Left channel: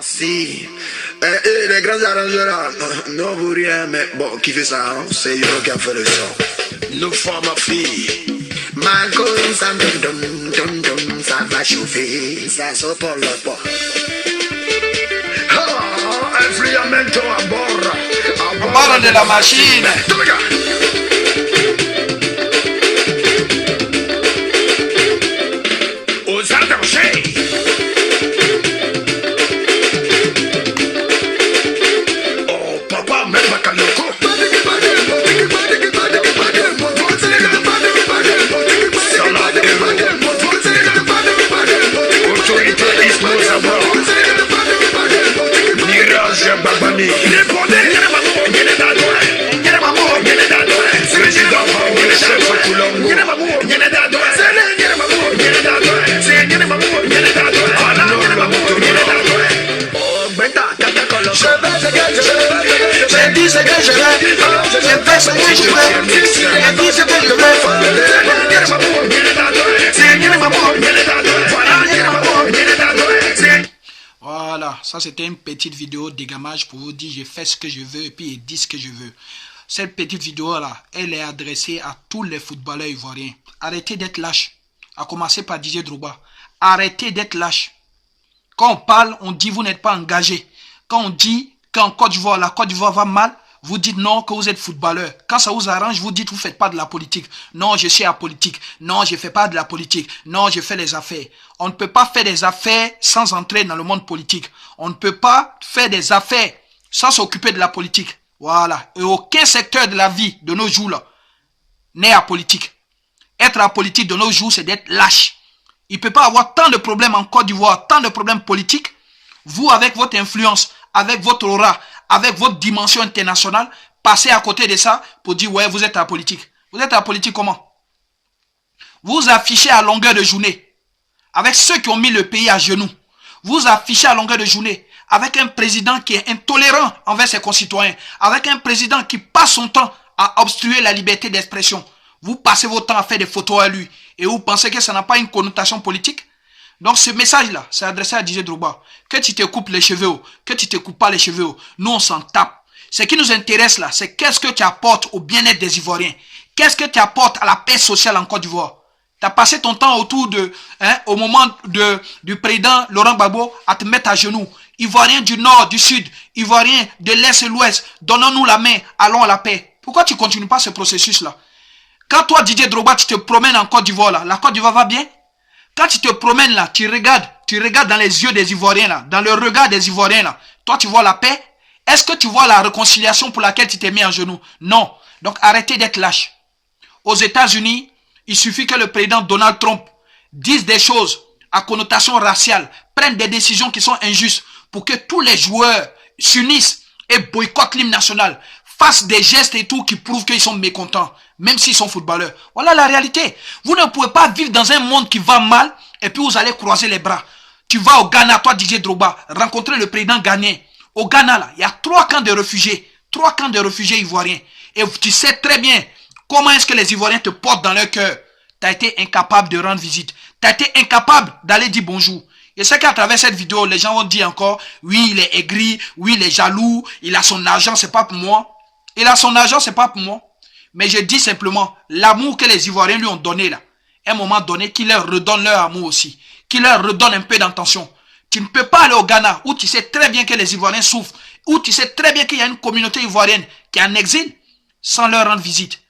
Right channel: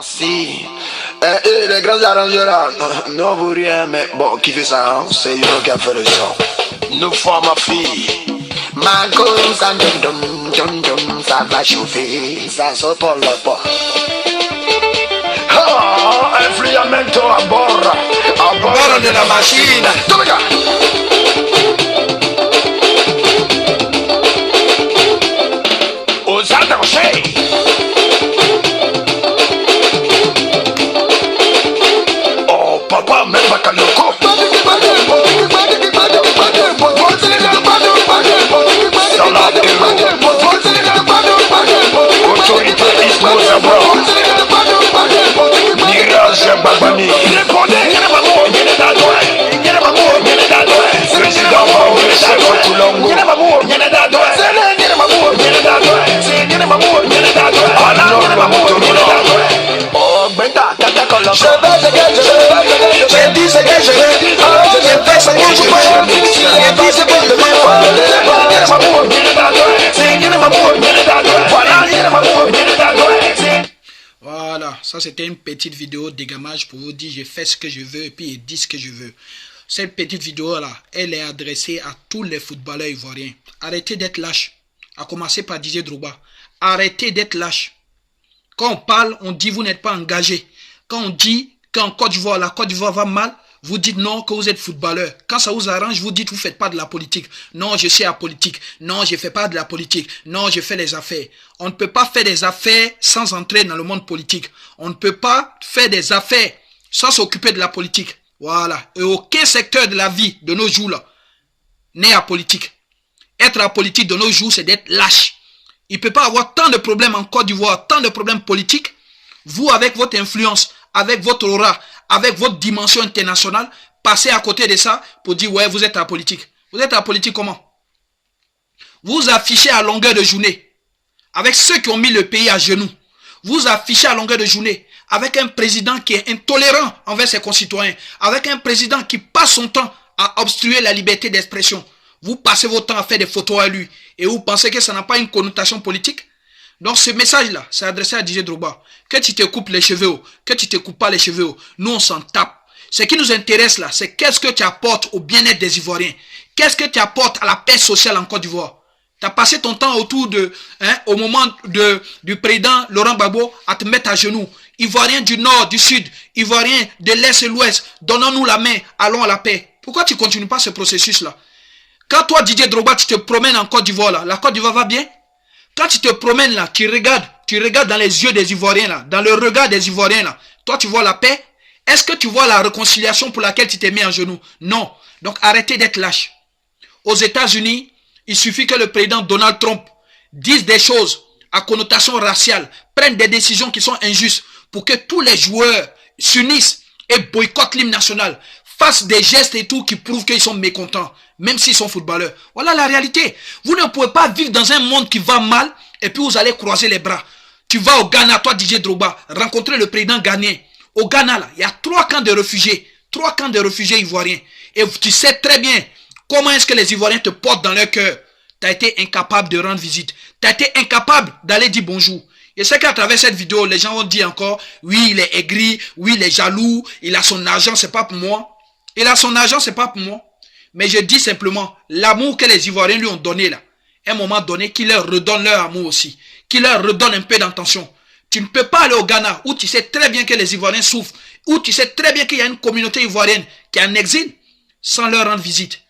Si, les grands arrangeurs là, non vaut rien, mais bon, qui fait ça, hein? C'est Euro qui a fait le son. Nous sommes ma fille. Ma gomme, ça ça va chauffer, ça sort pour le pot. Ah, influamento a bord de la machine. Tout le gars. Aux attachés. Papa, même pas qu'à le coup. Autorité Ismo Mirage Babami. Président Bangladesh, chef Toulongo. Oh, Benda, j'ai dit ce que je veux, j'ai fait ce que je veux, j'ai dit ce que je veux. Voilà, ça c'était une petite vidéo d'égamage pour vous dire j'ai fait ce que je veux et puis j'ai dit ce que je veux. Cette petite vidéo là, elle est adressée à tous les footballeurs ivoiriens. Arrêtez d'être lâches, à commencer par Didier Drogba. Arrêtez d'être lâches. Quand on parle, on dit vous n'êtes pas engagé. Quand on dit qu'en Côte d'Ivoire, la Côte d'Ivoire va mal, vous dites non, que vous êtes footballeur. Quand ça vous arrange, vous dites vous ne faites pas de la politique. Non, je suis apolitique. Non, je ne fais pas de la politique. Non, je fais les affaires. On ne peut pas faire des affaires sans entrer dans le monde politique. On ne peut pas faire des affaires sans s'occuper de la politique. Voilà. Et aucun secteur de la vie de nos jours là n'est apolitique. Être apolitique de nos jours, c'est d'être lâche. Il ne peut pas avoir tant de problèmes en Côte d'Ivoire, tant de problèmes politiques. Vous, avec votre influence, avec votre aura, avec votre dimension internationale, passez à côté de ça pour dire, ouais, vous êtes apolitique. Vous êtes apolitique comment? Vous affichez à longueur de journée, avec ceux qui ont mis le pays à genoux. Vous affichez à longueur de journée, avec un président qui est intolérant envers ses concitoyens, avec un président qui passe son temps à obstruer la liberté d'expression. Vous passez votre temps à faire des photos à lui, et vous pensez que ça n'a pas une connotation politique? Donc ce message-là, c'est adressé à Didier Drogba. Que tu te coupes les cheveux, que tu te coupes pas les cheveux, nous on s'en tape. Ce qui nous intéresse là, c'est qu'est-ce que tu apportes au bien-être des Ivoiriens. Qu'est-ce que tu apportes à la paix sociale en Côte d'Ivoire. Tu as passé ton temps autour de, au moment du président Laurent Gbagbo à te mettre à genoux. Ivoiriens du nord, du sud, Ivoiriens de l'est et l'ouest, donnons-nous la main, allons à la paix. Pourquoi tu ne continues pas ce processus-là? Quand toi Didier Drogba, tu te promènes en Côte d'Ivoire là, la Côte d'Ivoire va bien? Quand tu te promènes là, tu regardes dans les yeux des Ivoiriens là, dans le regard des Ivoiriens là, toi tu vois la paix? Est-ce que tu vois la réconciliation pour laquelle tu t'es mis en genoux? Non. Donc arrêtez d'être lâche. Aux États-Unis, il suffit que le président Donald Trump dise des choses à connotation raciale, prenne des décisions qui sont injustes pour que tous les joueurs s'unissent et boycottent l'hymne national, fassent des gestes et tout qui prouvent qu'ils sont mécontents, même s'ils sont footballeurs. Voilà la réalité. Vous ne pouvez pas vivre dans un monde qui va mal et puis vous allez croiser les bras. Tu vas au Ghana, toi Didier Drogba, rencontrer le président ghanéen. Au Ghana, là, il y a 3 camps de réfugiés. 3 camps de réfugiés ivoiriens. Et tu sais très bien comment est-ce que les Ivoiriens te portent dans leur cœur. Tu as été incapable de rendre visite. Tu as été incapable d'aller dire bonjour. Et c'est qu'à travers cette vidéo, les gens vont dire encore, oui, il est aigri, oui, il est jaloux, il a son argent, c'est pas pour moi. Il a son argent, c'est pas pour moi. Mais je dis simplement, l'amour que les Ivoiriens lui ont donné là, à un moment donné, qu'il leur redonne leur amour aussi. Qu'il leur redonne un peu d'intention. Tu ne peux pas aller au Ghana, où tu sais très bien que les Ivoiriens souffrent, où tu sais très bien qu'il y a une communauté ivoirienne qui est en exil, sans leur rendre visite.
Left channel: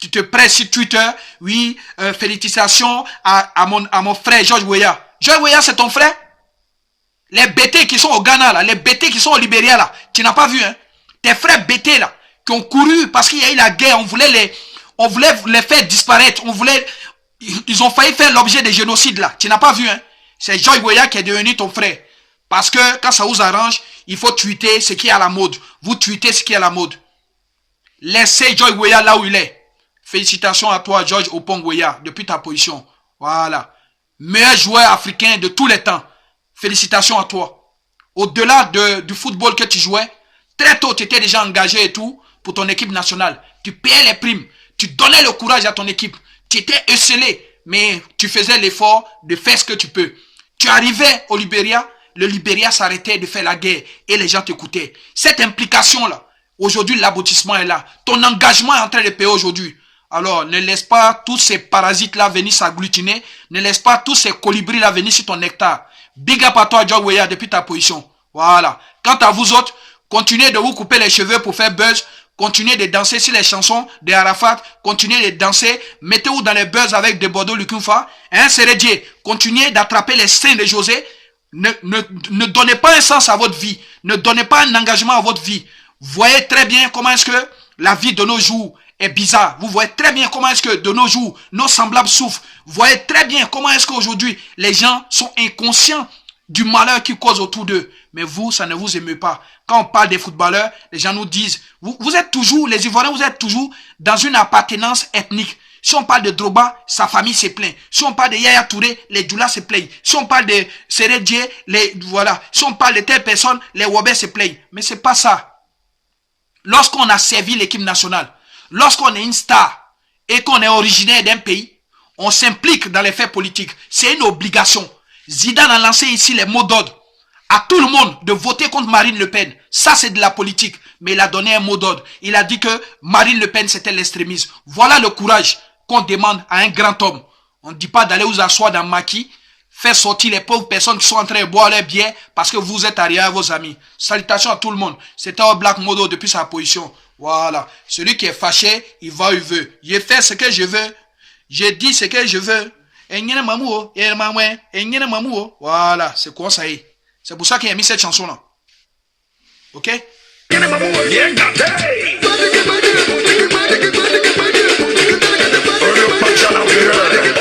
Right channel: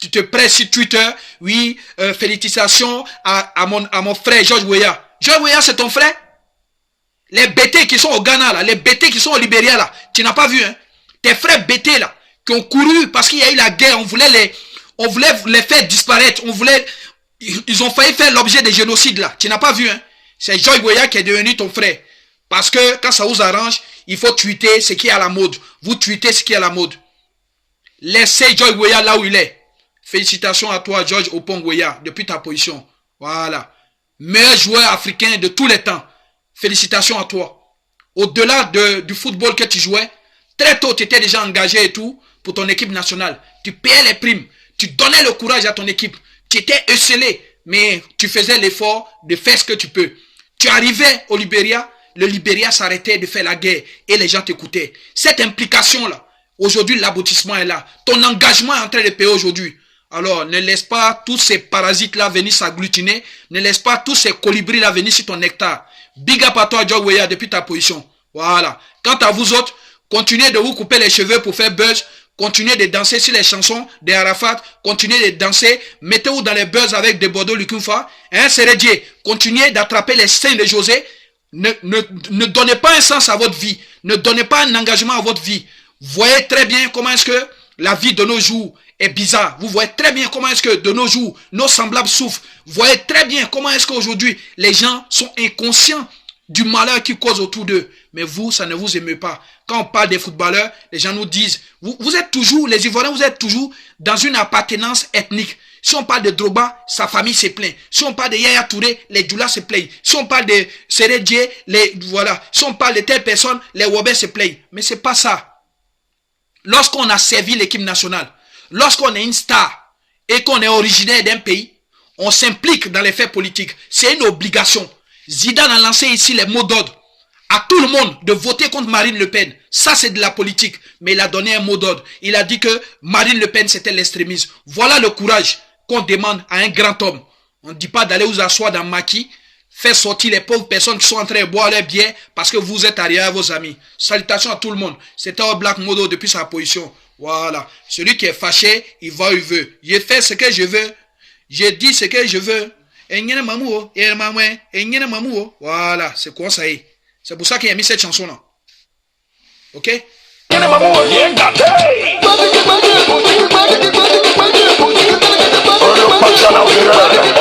Tu te presses sur Twitter, oui, félicitations à mon frère George Weah. George Weah, c'est ton frère? Les BT qui sont au Ghana, là, les BT qui sont au Libéria, là, tu n'as pas vu, hein? Tes frères BT, là, qui ont couru parce qu'il y a eu la guerre, on voulait les faire disparaître, ils ont failli faire l'objet des génocides, là. Tu n'as pas vu, hein? C'est George Weah qui est devenu ton frère. Parce que, quand ça vous arrange, il faut tweeter ce qui est à la mode. Vous tweetez ce qui est à la mode. Laissez George Weah là où il est. Félicitations à toi, George Opong Weah, depuis ta position. Voilà. Meilleur joueur africain de tous les temps. Félicitations à toi. Au-delà du football que tu jouais, très tôt, tu étais déjà engagé et tout pour ton équipe nationale. Tu payais les primes. Tu donnais le courage à ton équipe. Tu étais esselé, mais tu faisais l'effort de faire ce que tu peux. Tu arrivais au Libéria, le Libéria s'arrêtait de faire la guerre et les gens t'écoutaient. Cette implication-là, aujourd'hui, l'aboutissement est là. Ton engagement est en train de payer aujourd'hui. Alors, ne laisse pas tous ces parasites-là venir s'agglutiner. Ne laisse pas tous ces colibris-là venir sur ton nectar. Big up à toi, Joe Weah, depuis ta position. Voilà. Quant à vous autres, continuez de vous couper les cheveux pour faire buzz. Continuez de danser sur les chansons de Arafat. Continuez de danser. Mettez-vous dans les buzz avec des Bordeaux Lukunfa. Hein, Sérédier. Continuez d'attraper les seins de José. Ne donnez pas un sens à votre vie. Ne donnez pas un engagement à votre vie. Voyez très bien comment est-ce que la vie de nos jours est bizarre. Vous voyez très bien comment est-ce que de nos jours, nos semblables souffrent. Vous voyez très bien comment est-ce qu'aujourd'hui, les gens sont inconscients du malheur qu'ils causent autour d'eux. Mais vous, ça ne vous émeut pas. Quand on parle des footballeurs, les gens nous disent, vous êtes toujours, les Ivoiriens, vous êtes toujours dans une appartenance ethnique. Si on parle de Drogba, sa famille se plaint. Si on parle de Yaya Touré, les Djoula se plaignent. Si on parle de Sérédié, voilà. Si on parle de telle personne, les Wobé se plaignent. Mais c'est pas ça. Lorsqu'on a servi l'équipe nationale, lorsqu'on est une star et qu'on est originaire d'un pays, on s'implique dans les faits politiques. C'est une obligation. Zidane a lancé ici les mots d'ordre à tout le monde de voter contre Marine Le Pen. Ça, c'est de la politique. Mais il a donné un mot d'ordre. Il a dit que Marine Le Pen, c'était l'extrémisme. Voilà le courage qu'on demande à un grand homme. On ne dit pas d'aller vous asseoir dans le maquis, faire sortir les pauvres personnes qui sont en train de boire leur bière parce que vous êtes arrière à vos amis. Salutations à tout le monde. C'était un Black Modo depuis sa position. Voilà. Celui qui est fâché, il va où il veut. J'ai fait ce que je veux. J'ai dit ce que je veux. Voilà. C'est quoi ça y est? C'est pour ça qu'il a mis cette chanson-là. Ok? Patch on out the